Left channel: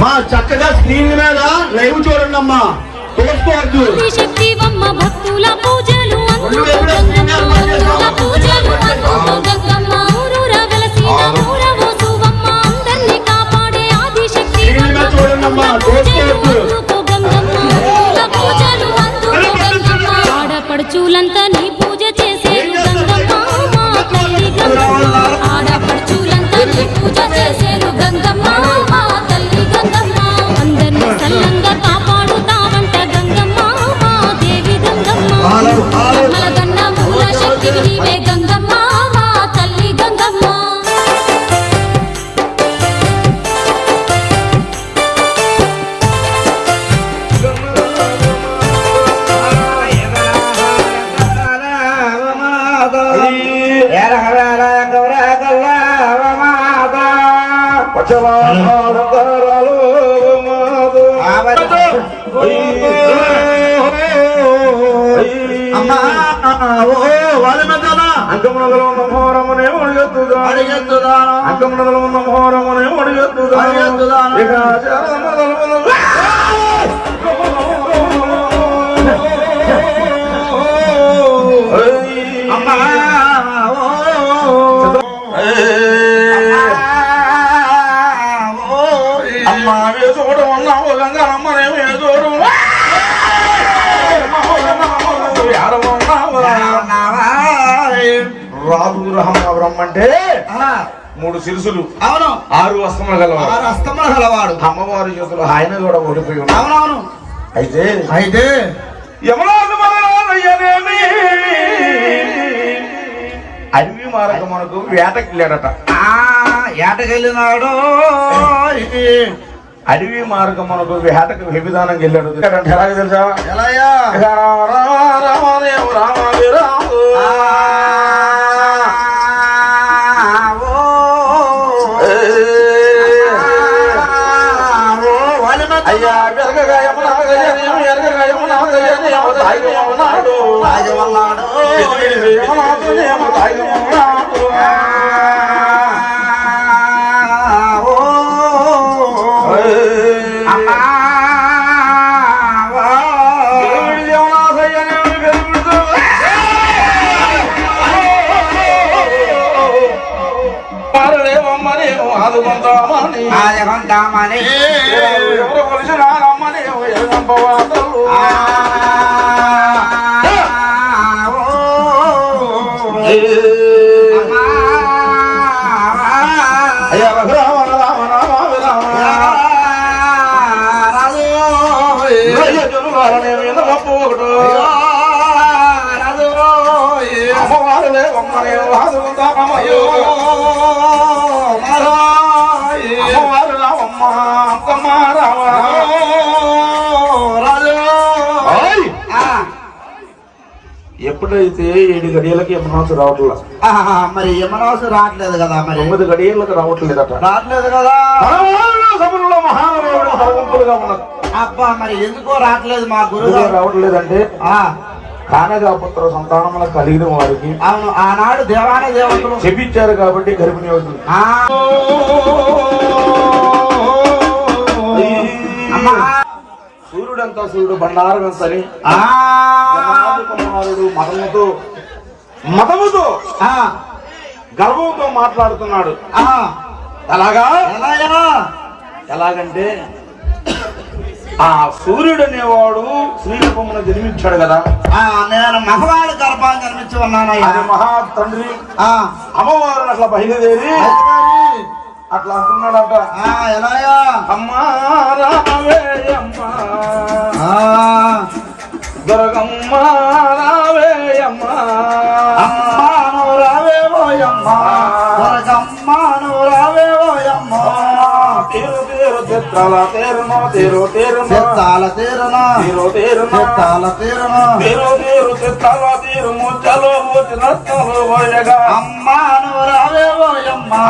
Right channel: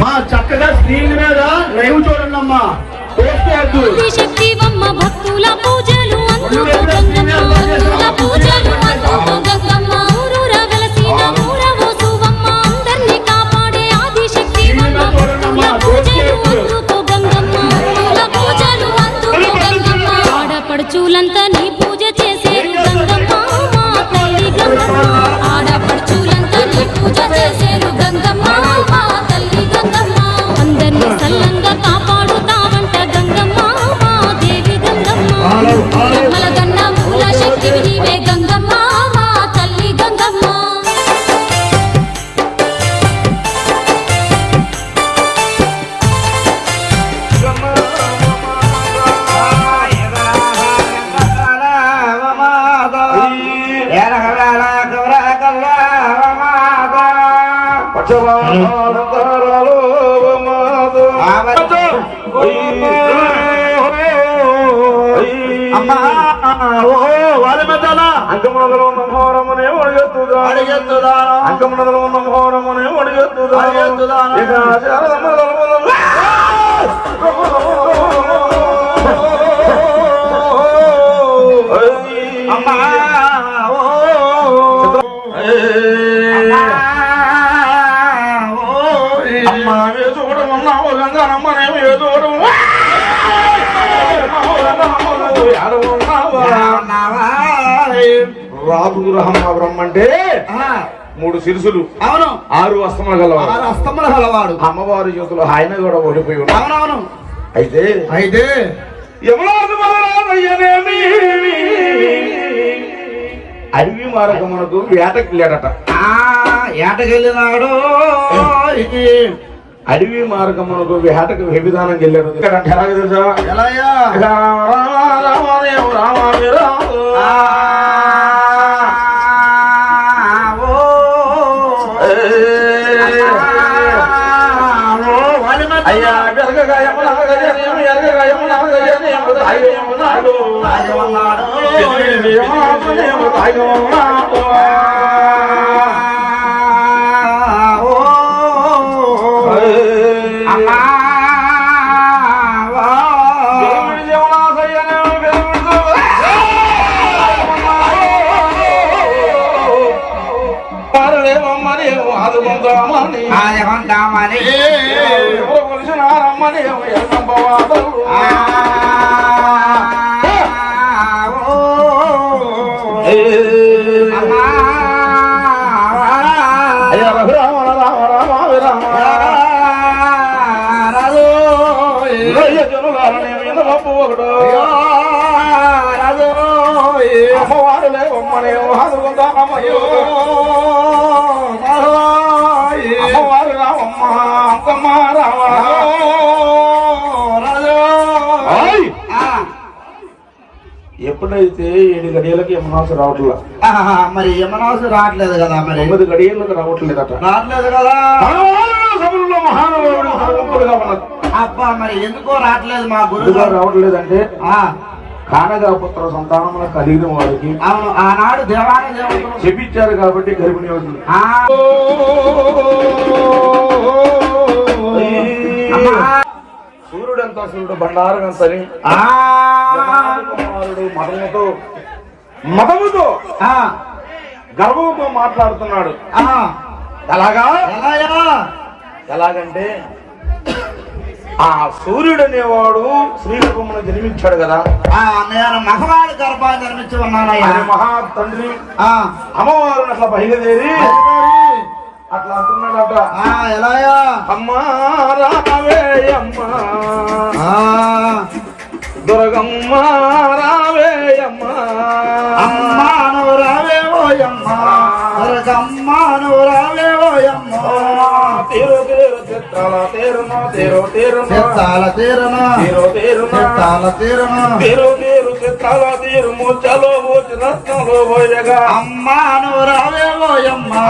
మా చక్కగా స్క్రీన్ మీద లైవ్ చూడండి అమ్మా. శక్తివమ్మ భక్తుల పూజలు అందుకో గంగమ్మ భక్తుల పూజలు అందుకో గంగమ్మ. ఊరూర వెలసిన ఊరవో సువమ్మ అందర్ని కాపాడే ఆది శక్తివమ్మ భక్తుల పూజలు అందుకో గంగమ్మ భక్తుల పూజలు అందుకో గంగమ్మ. ఆడపడుచులంతా నీ పూజ రాజు గ్రహం అంటే మూడు సిరుసులు. అవును. ఆరు వస్త్రములు గలవారు ఆరు అస్తముల గలవాడు అమ్మవారి చేతులు ఆయన కూడా ఓడిపోయి అవునవును. అయితే అయితే అడవి మార్గం మనకు వేటకి వెళ్ళాడట ఆ ఏటకెళ్ళినాడు అడవి మార్గం మనకు వేటకు విధానం అంటే ఎలాగ తెలుసా? ఎలాయా రామాలయం రామామి ఆదుకుందామని ఆదకుంటామని ఎవరు కొలిసినారమ్మని ఎప్పుడైతే ఏడు గడియలకి యమనాసు రావట్లా? మరి యమనాసు రావట్లేదు కదా మరి? తొమ్మిది గడియలకు రావట్లేదట. రావట్లేదు కదా? సభలో ఉన్నది. అబ్బా మరి ఎందుకో రావట్లేదు మా ఎందుకు గురువు రావట్లేదంటే ఆ. కానగా పుత్ర సంతానముల కలిగిన వారికి అవును ఆనాడు దేవాలయ దేవతలు చెప్పించారు కాబట్టి గర్భిణి అవుతుంది ఆ, అమ్మా, సూర్యుడంతా సూర్యుడు బండారం ఎంతని ఆ, కుమారుడు మతముతో మతముతో గర్వంతో మాట్లాడుతున్నాడు. అలాగా ఎలాగా? ఎలాగంటే ఆ సూర్యుడు అనేవాడు శ్రీరూపమున జన్మించాడు కదా. ఆ, నేను మగవాడి గర్భాన్ని ఉన్నానయ్యా. ఆయన మహా తండ్రి ఆ, అమ్మవారిని అట్లా బయలుదేరి. అట్లా అంటున్నాడట. ఆ, ఎలాగా? అమ్మా రావే అమ్మా. దుర్గమ్మ రావే అమ్మా. అమ్మా నువ్వు రావే ఓయమ్మా. దుర్గమ్మా నువ్వు రావే ఓయమ్మా. తీరు తీరు చిత్రాల తీరున తీరు తీరు చెత్తాల తీరున. తీరు తీరున. చెత్తాల తీరున. తీరు తీరు చిత్రాల తీరు ముచ్చలో మూచి రత్నాలు పోయగా. అమ్మా నువ్వు రావే ఓయమ్మా.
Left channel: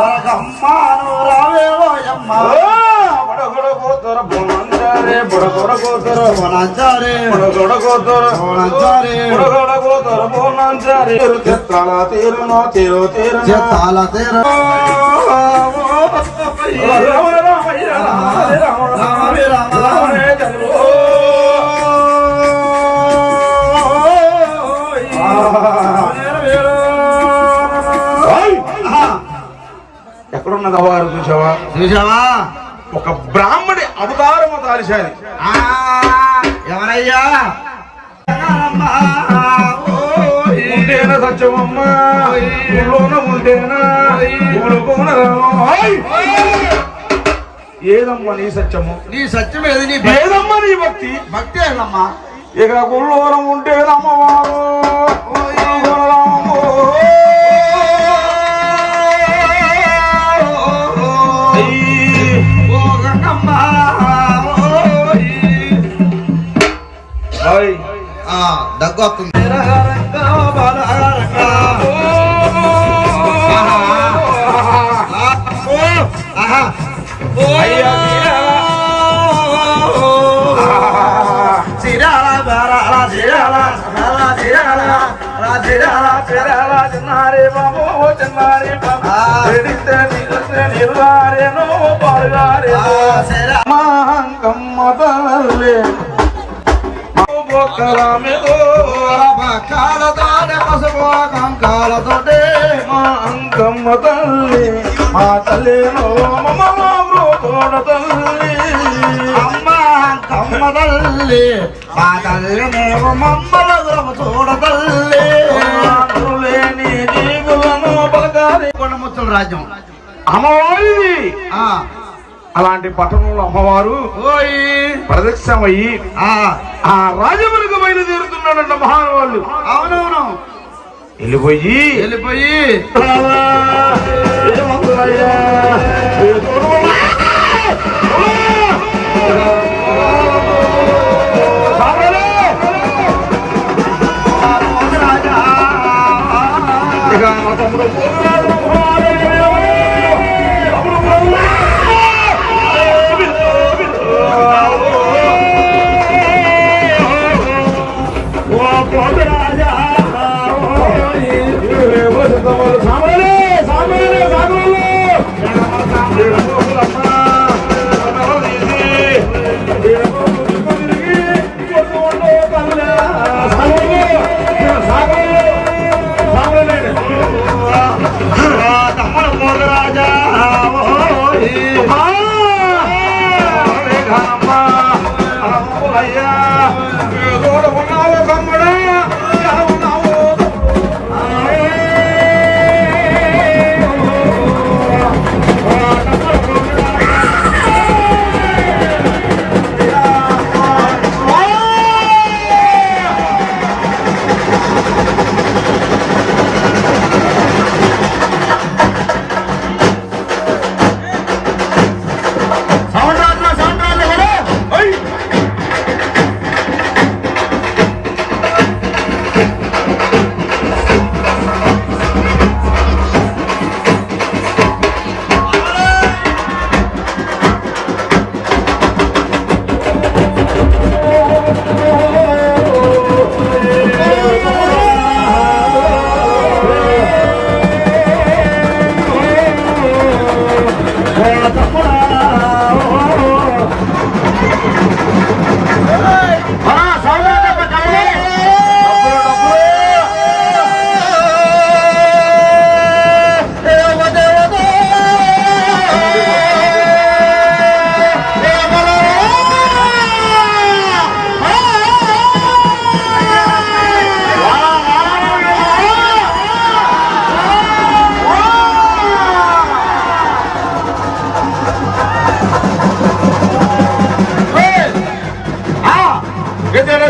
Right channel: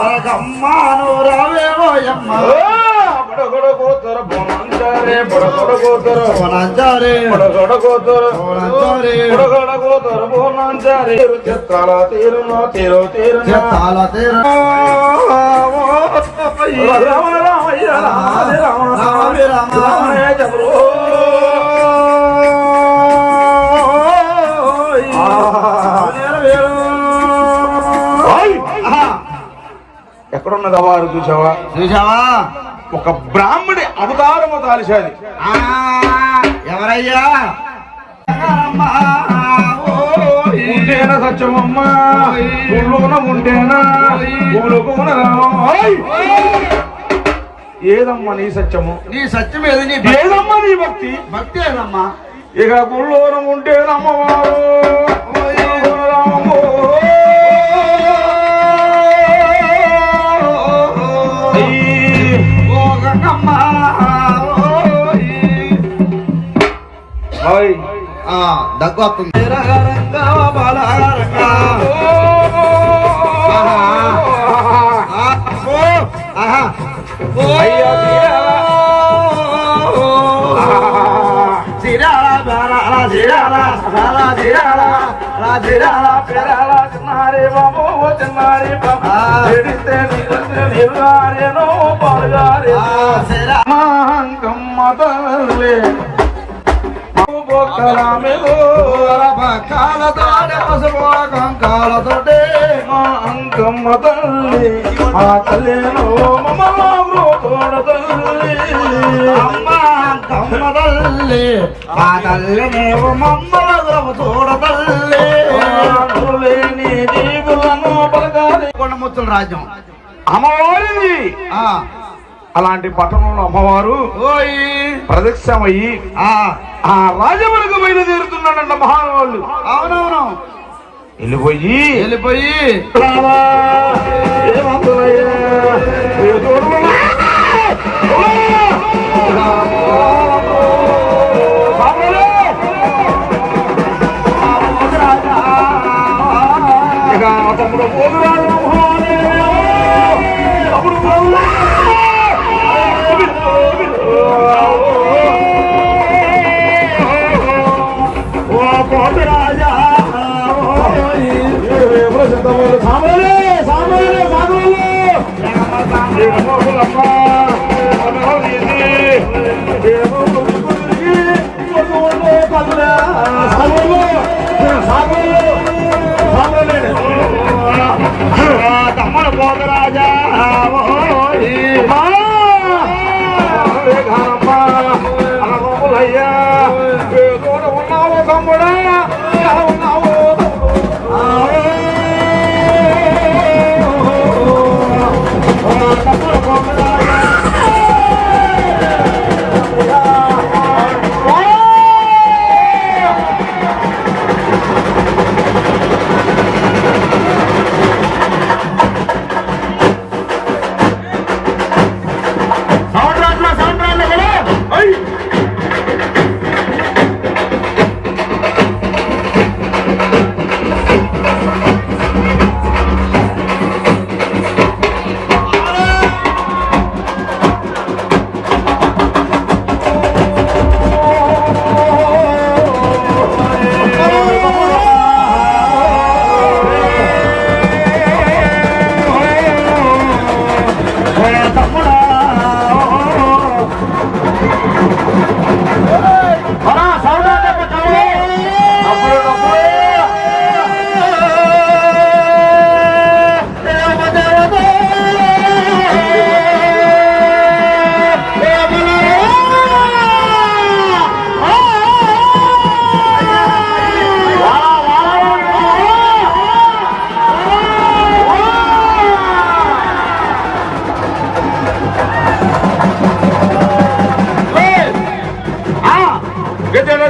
దుర్గమ్మా నువ్వు రావే ఓయమ్మా. మడగడ పోతుర బొమ్మందరే కొడకొడ కూతురు తీరు చెత్తాల తీర రామ రామయ్య రామ రామ రామ ఎక్కడున్నదా వారు చూసావా చూసావా ఒక బ్రాహ్మడి అవతారము ఆ, ఎవరయ్యా? ఉంటేనా సత్యమమ్మ. ఊళ్ళోన ఉంటేనా ఊళ్ళోన ఏదమ్మా నీ సత్యము? నీ సత్యం ఏది? నీ ఏదమ్మా నీ భక్తి? భక్తి ఏందమ్మా? ఇక గుళ్ళోన ఉంటేనమ్మవారు జిరాల చిన్నారే బాబు చిన్నారే బాబు సిరా- మాంకమ్మ తల్లి. మా అంకమ్మ తల్లి ఆ తల్లిలో తోడ తల్లి అమ్మ తల్లి తల్లి లేని జీవులను రాజ్యం. అమ్మవారిది ఆ. అలాంటి పట్టణంలో అమ్మవారు ఓయ్. ప్రదక్షిణమయ్యి ఆ. ఆ రాజములకు బయలుదేరుతున్నాడంట మహానుభావులు అవునవును. వెళ్ళిపోయి వెళ్ళిపోయి சாப்பிட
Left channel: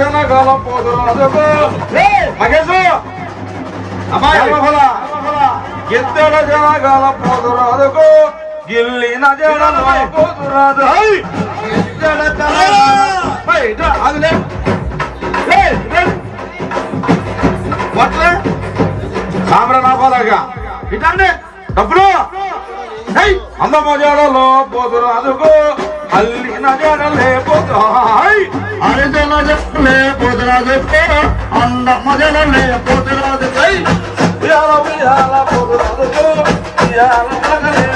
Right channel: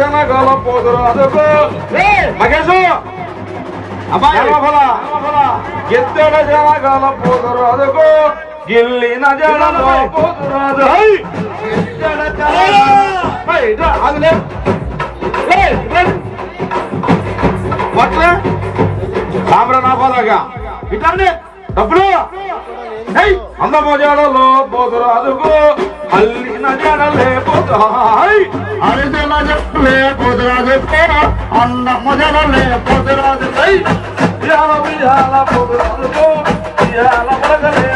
కాలం పోతురు. అదొక. మహేశు! అమ్మాయి! జనఫల ఎత్తడ జనకాలం పోతురు. అదొక. గిల్లిన జనం పోతురు. అదు ఆగులే. సాంబ్ర నాకోదాగా ఇటండి డబ్బులు. అందమ జడలో పోతురాదుకో అల్లిన జడలే పోతాయి అరిదల జట్లే కుదరదు అన్నమ్మ జడలే కుదరదు ఇయాల ఉయ్యాల పోతురాదుకో ఇయాల పడగలే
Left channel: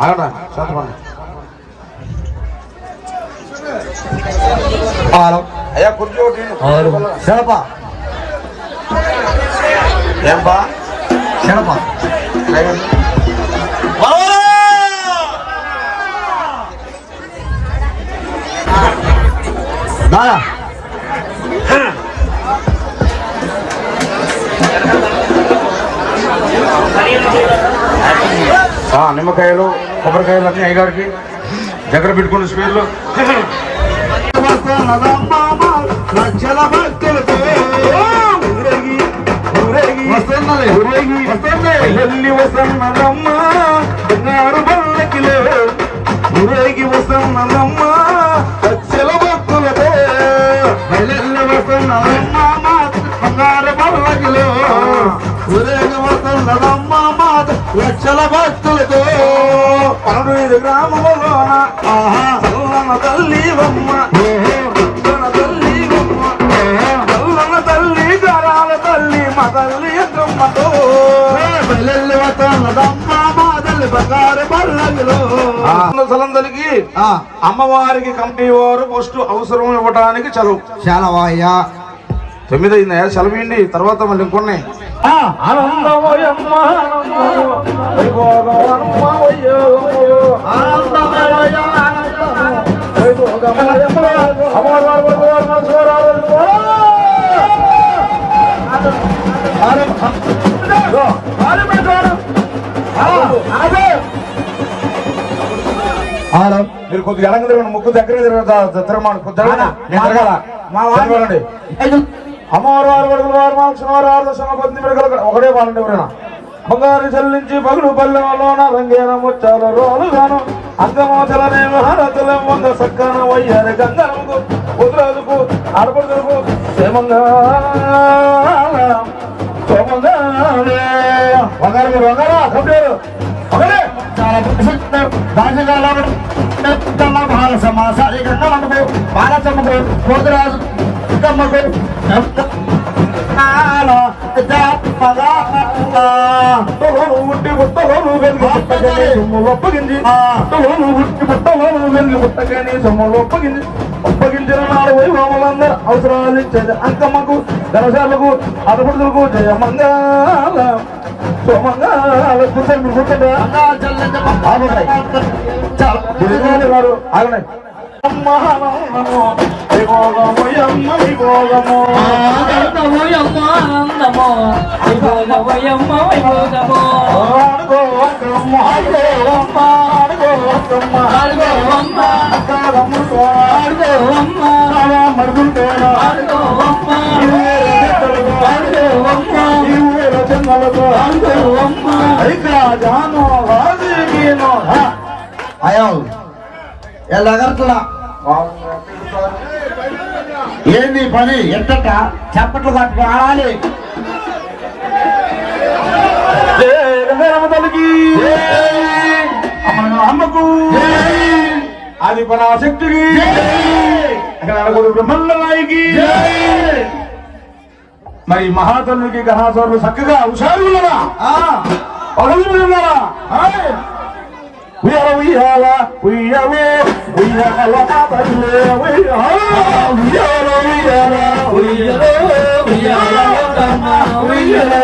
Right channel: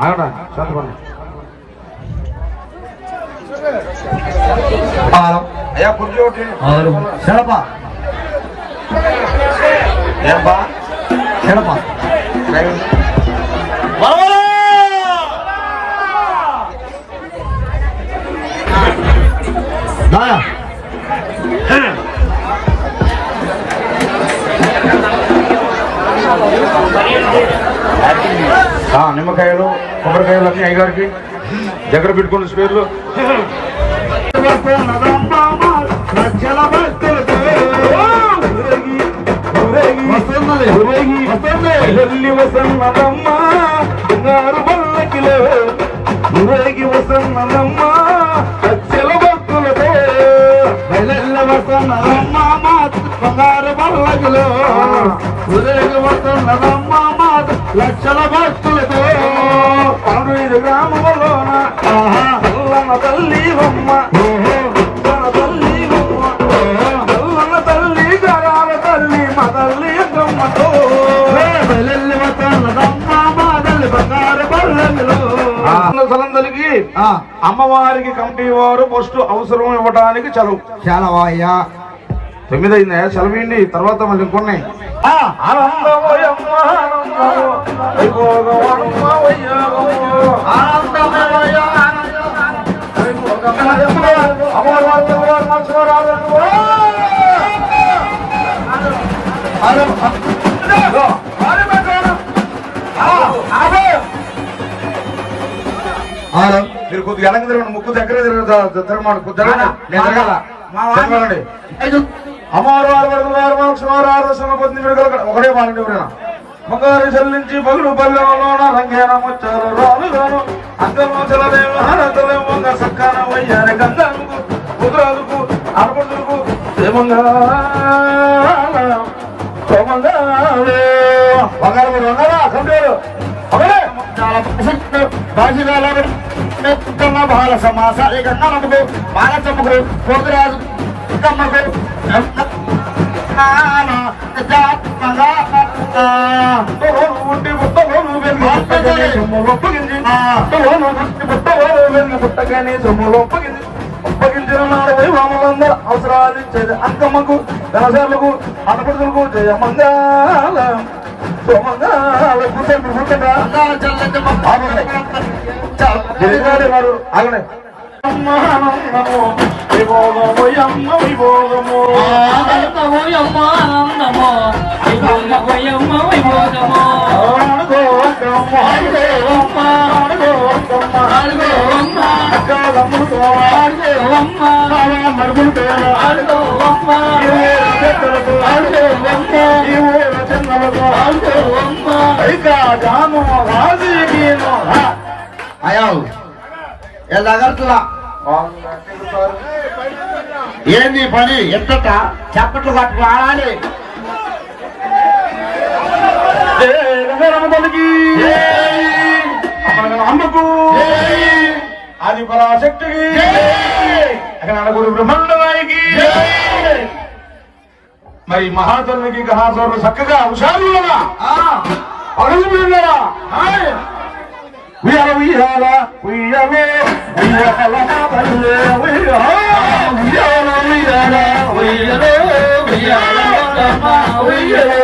ఆగట శాంతపడి అయ్యా కుర్చీ ఒకటి ఏంపా? దాదా. ఆ, నిమ్మకాయలు. కొబ్బరికాయలు అన్ని గారికి దగ్గర పెట్టుకున్న స్పేర్లో లక్షల భక్తులతో ఊరేగి ఊరేగి వస్తున్నది ఊరేగి వస్తుంది వెళ్ళి వసన్నదమ్మ బంగారు బల్లకిలో ఊరేగి అల్లన్న తల్లి బొమ్మ. ఓహో. అల్లన్న తల్లి బొమ్మ. అల్లన్న తల్లి గరాల తల్లి మా తల్లి బంగారు సలందరికి ఆ. అమ్మవారికి కమిటీ వారు ఫస్ట్ అవసరం ఇవ్వడానికి చలువు చాలా వాయ్యా తొమ్మిది అయిందా సెలవిండి తర్వాత మళ్ళీ ఇంకొన్నాయి ఆనందమయమ్మ మీరు కొద్దిగా వెనక తిరగండి. ముక్కు దగ్గర తిరగ తిరగమండి. కొద్ది తిరగండి నేను తిరగాల. అమ్మవారు వారు పడుకులు వారు ఆరు ఒకటే బాగుండి ఎవరైనా? బంగారు చెల్లించి పగులు పల్లెలోన రంగేన ముచ్చాలు రాలుగాను అంగమోచల హారతులే ఉన్న సక్కన వయ్యారి గంధముకు ఉదరాలకు అడపతులకు క్షేమంగా బంగారు మీరు బంగారా కంప్యూటర్ ఒకటే చాలా ప్రసిద్ధ రాజకాల బాల సమాస ఈ గంగమ్మకు బాలచమ్మకు పోతురాజు గమ్మకు ఉట్టి బుట్టలోను వెలిగి పుట్టగానే సొమ్ము ఒప్పగింది బుట్టలోను వెలిగి పుట్టగానే సొమ్ము ఒప్పగింది ఒప్పగించిన నాడు వైభవములందరూ అవసరాలు ఇచ్చేది అంకమ్మకు ధనసార్లకు అటపడులకు జయమంగాల సోమంగాల గుండె మీరు గారు ఆగండి. ఏంది పని? ఎత్తట చప్పట్లు పట్టుకు ఆడాలి. అమ్మకు. ఆది పరాశక్తికి అక్కడ నడగొడు బ్రహ్మండరాయికి మరి మహాతల్లికి గహాసోర్లు చక్కగా హుషారులుగా ఉన్నారా ఉయ్యాల ఉయ్యాల ఉయ్యాలే ఉయ్యాల తల్లే ఉయ్యాల ఉయ్యాల ఉయ్యాల ఉయ్యాలే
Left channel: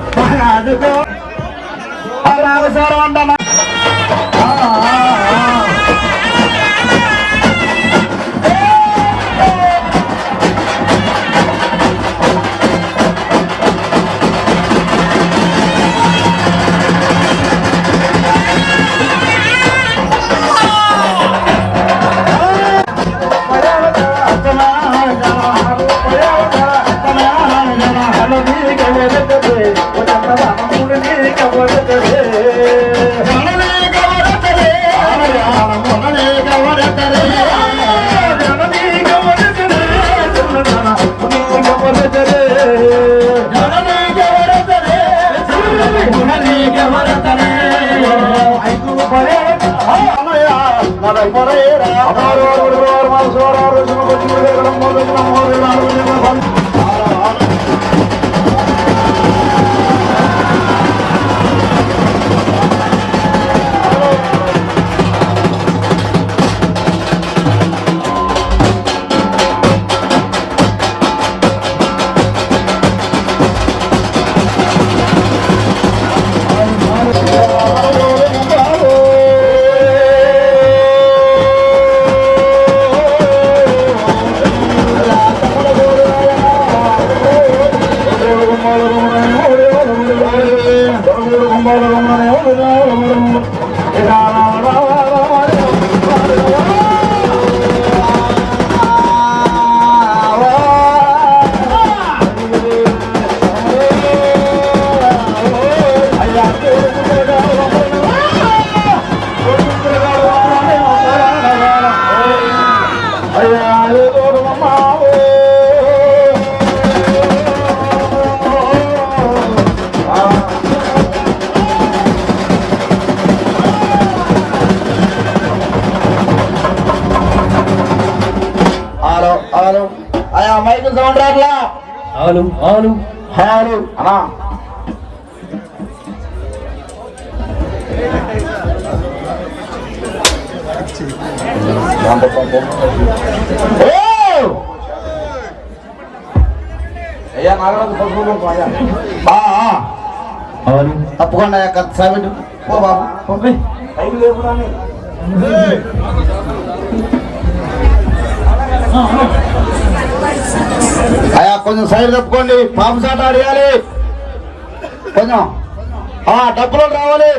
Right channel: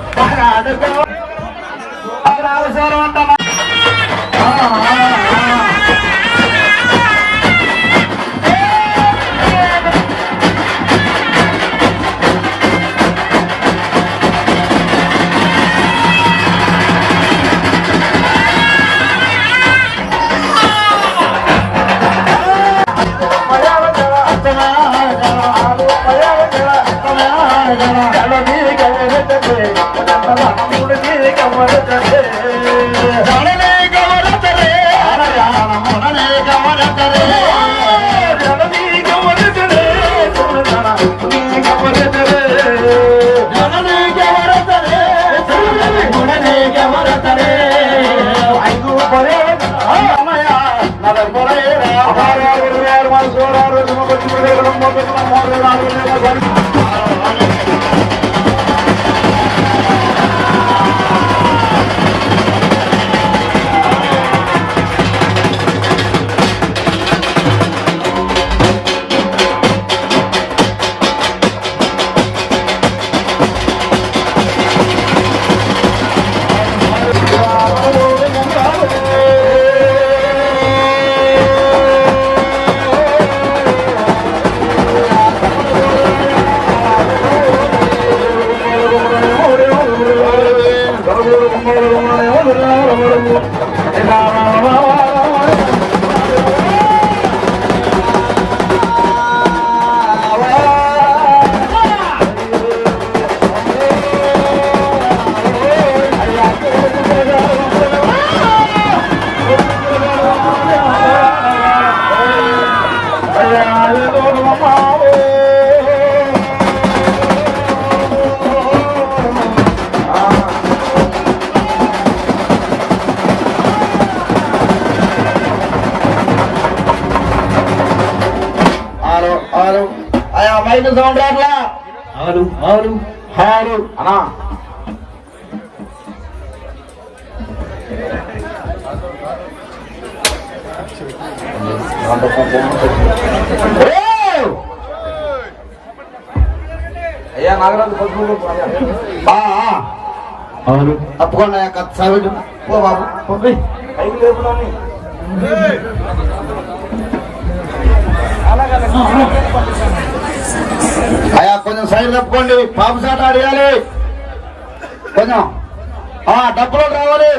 que ahora హలో నాగరాజు పసుపు కుంకుమ. ఆ, ఆ. అవును తప్పకుండా సావిడు పో బాబు. పంపి. కొంచెం సైడ్ తప్పుకోండి పాప సాట అడగాలి. కొంచెం. ఆ డబ్బులు కావాలి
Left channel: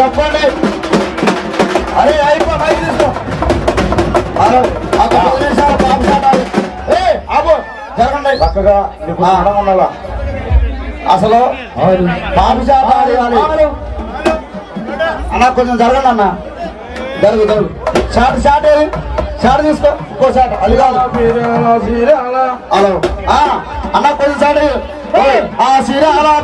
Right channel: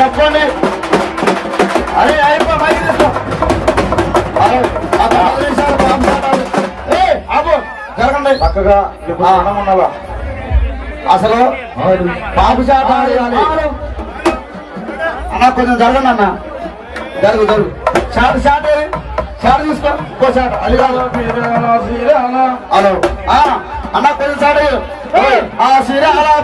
తప్పుకోండి అరే అయిపో జరగండి. చక్కగా. అసలు బాబు చేత ఆడేయాలి అన్న కొంచెం జరగండి అన్న. జరుగు జరుగు షాట్ షాట్ ఏది? షాట్ తీసుకో. ఇంకో షాట్. అది కాదు. ఆ, అన్న కొంచెం షాట్ ఆ సిరాల పేరాల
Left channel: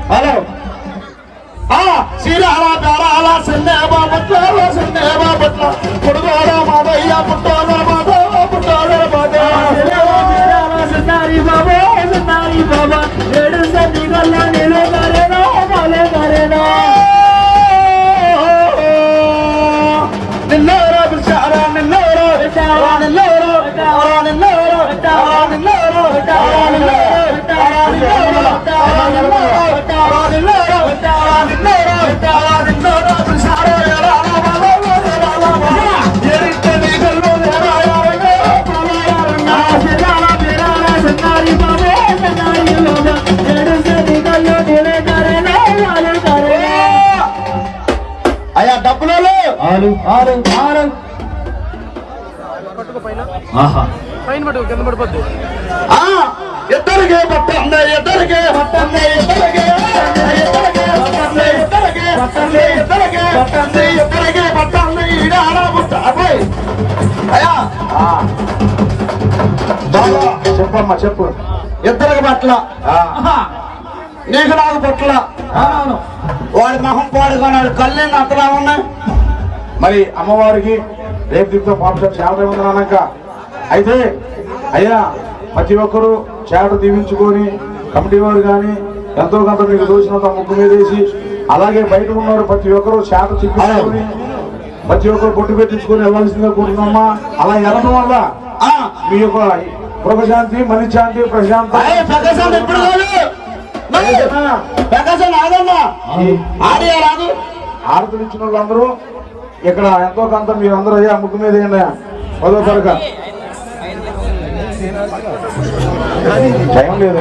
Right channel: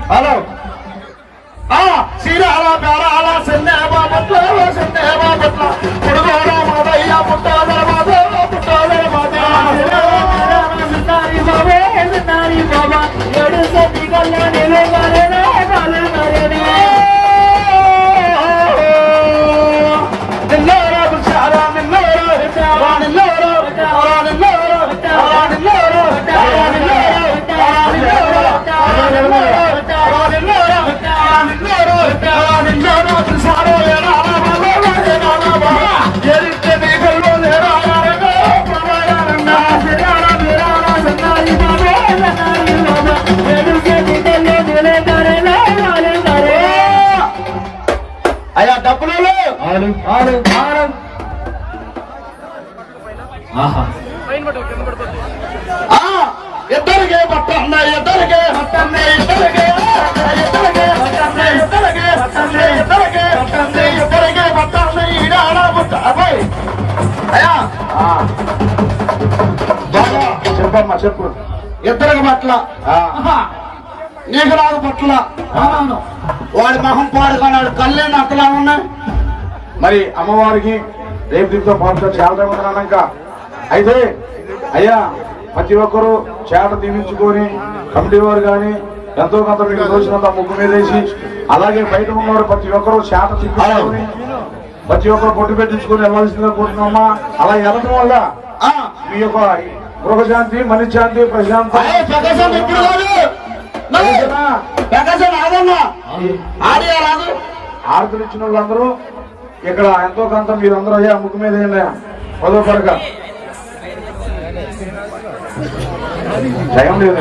అయ్యా డబ్బులు అవును అవును అవును ఆహా. చెప్పమ్మా చెప్పు. ఇద్దరికి పట్ల. నీకు రాదు పట్ల. వాడి మొహం పాడుకున్నాడు. కళ్ళే అట్లా ఉన్నాయి. మరి అమ్మవారికి రేపు దీంతో పాప చేత ఉందన్నాక అయితే అయ్యా ప్రతి ఒక్కరూ చేట దీవించుకొని కమిటీ వారు కానీ ఎంతో కొంత మీకు దోచినంత ముగ్గు మీద వేసి అలాగే బయట ఉన్నవాడు ప్రతి ఒక్కరూ చేట తిప్పుకొని ప్రతి ఒక్కరు పొట్టు పెట్టించుకొని వెళ్ళాల్సిందిగా కూర్చున్నామా అలా వెళ్ళడం వల్ల ఆ, మీ యొక్క గృహశాంతి మనశ్శాంతి ప్రశాంతి. ఆరతులు ఇచ్చిన వాళ్ళందరూ ఇక్కడ ఎంతో కొంత మీరు అందరూ అయ్యా ముగ్గు మీద. పదో పరక టైం లేదు